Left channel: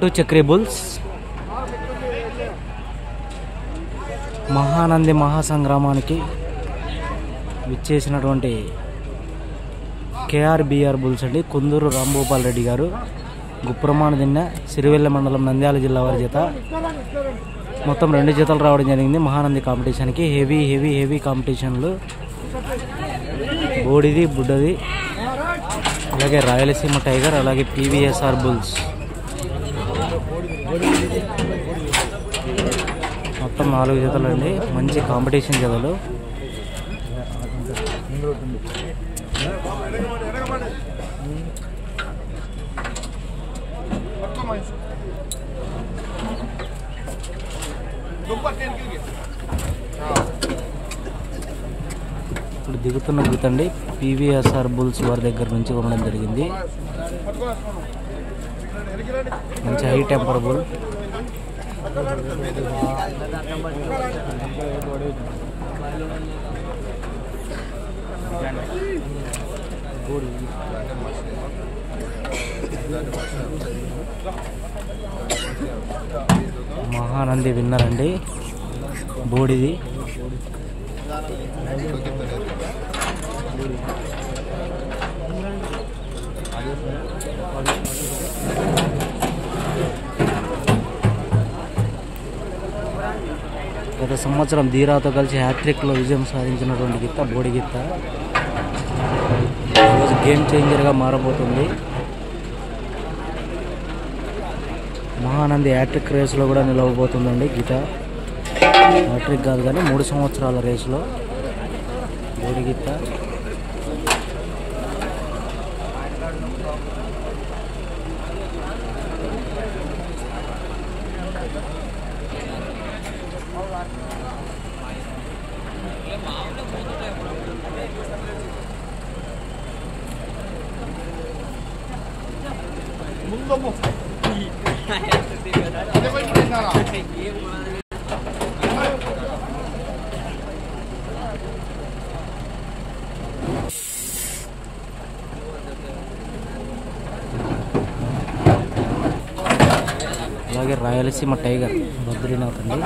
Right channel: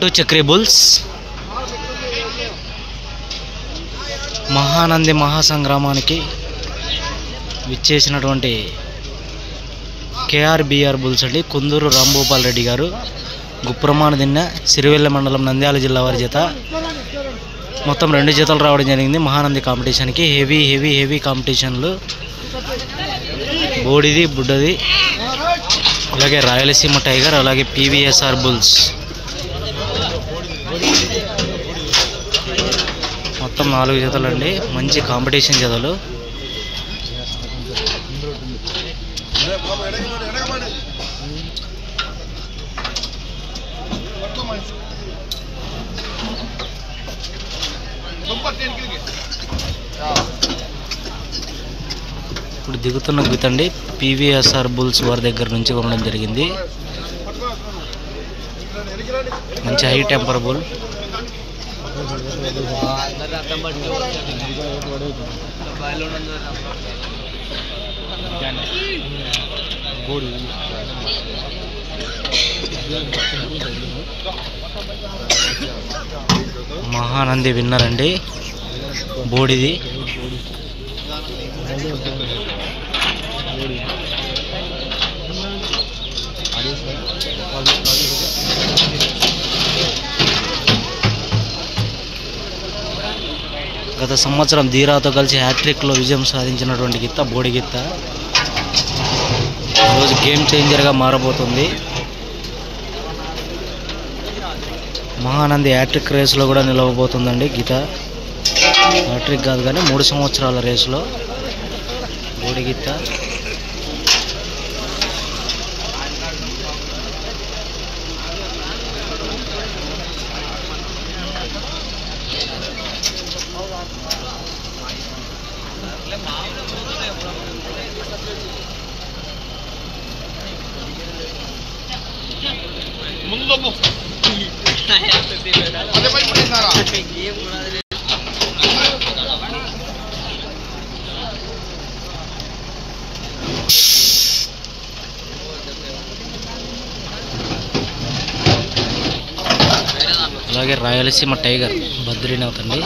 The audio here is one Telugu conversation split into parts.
టు చక్రి బుల్స్ మహానంది మహాసంగ్రామానికి విచ్చేసినటువంటి కేఆర్బిఆర్ బుల్స్ అండి. కుందూరు రాంభూపాల్ రెడ్డి గారు గుప్రమాణ దిన్న సిరివెల్ల మండలం నంద్యాల జిల్లా వారి జత. మొత్తం 2 జతలు రావడం జరిగింది మహానంది కాంపిటీషన్కి. హెవీ కాంపిటీషన్లు, బోడిది బుడ్డది, అలాగే రాయలసీమ టైగర్, అలాగే పీవీఎస్ఆర్ బుల్స్. మొత్తం 4 జతలు అండి, మంచి కాంపిటీషన్ జతలు. ఇప్పుడు దిగుతున్న గీతండి పీవీఎస్ఆర్ బుల్స్ వారి దగ్గర నుంచి కొనడం జరిగింది. మంచి high temper bull. Mahanandi winner అండి, బోడిది. గత సంవత్సరం ధీరాతో కలిసి హ్యాట్రిక్లో విజయం సాధించినటువంటి గిత్త బోడి గిత్త ఈరోజు గేమ్ చేంజర్గా మారబోతుంది. మహానంది హ్యాట్రిక్ రేసులో కూడా నిలవబోతుందండి గీత. హ్యాట్రిక్ కాదు కానీ 3 సంవత్సరాల రేసులో బోడి గిత్త. అలాగే రాయలసీమ టైగర్ బద్రీనాథ్ అండి.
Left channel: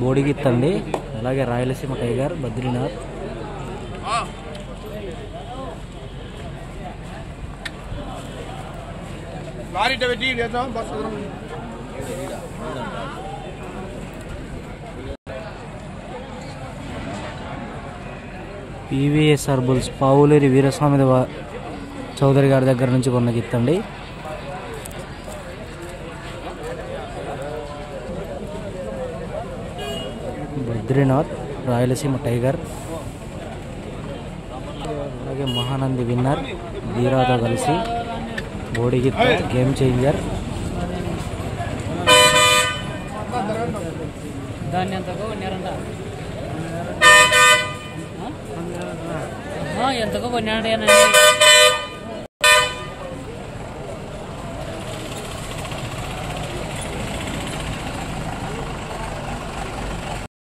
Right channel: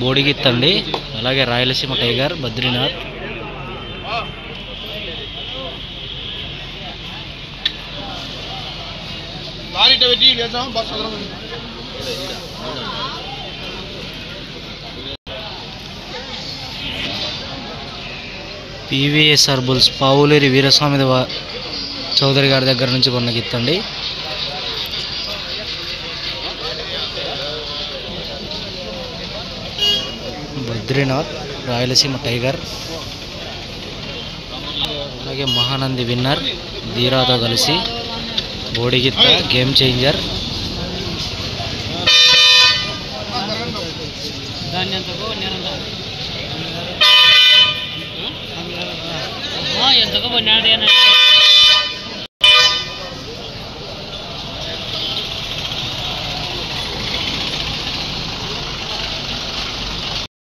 బోడి గిత్త అండి. అలాగే Rayalaseema tiger Badrinath. PVSR bulls Pavuleri Veeraswamy Chowdary గారి దగ్గర నుంచి కొన్న గిత్తండి. బద్రీనాథ్, రాయలసీమ టైగర్, అలాగే మహానంది విన్నర్ ధీరాతో కలిసి బోడి గిత్త గేమ్ చేంజర్. ఎంతగా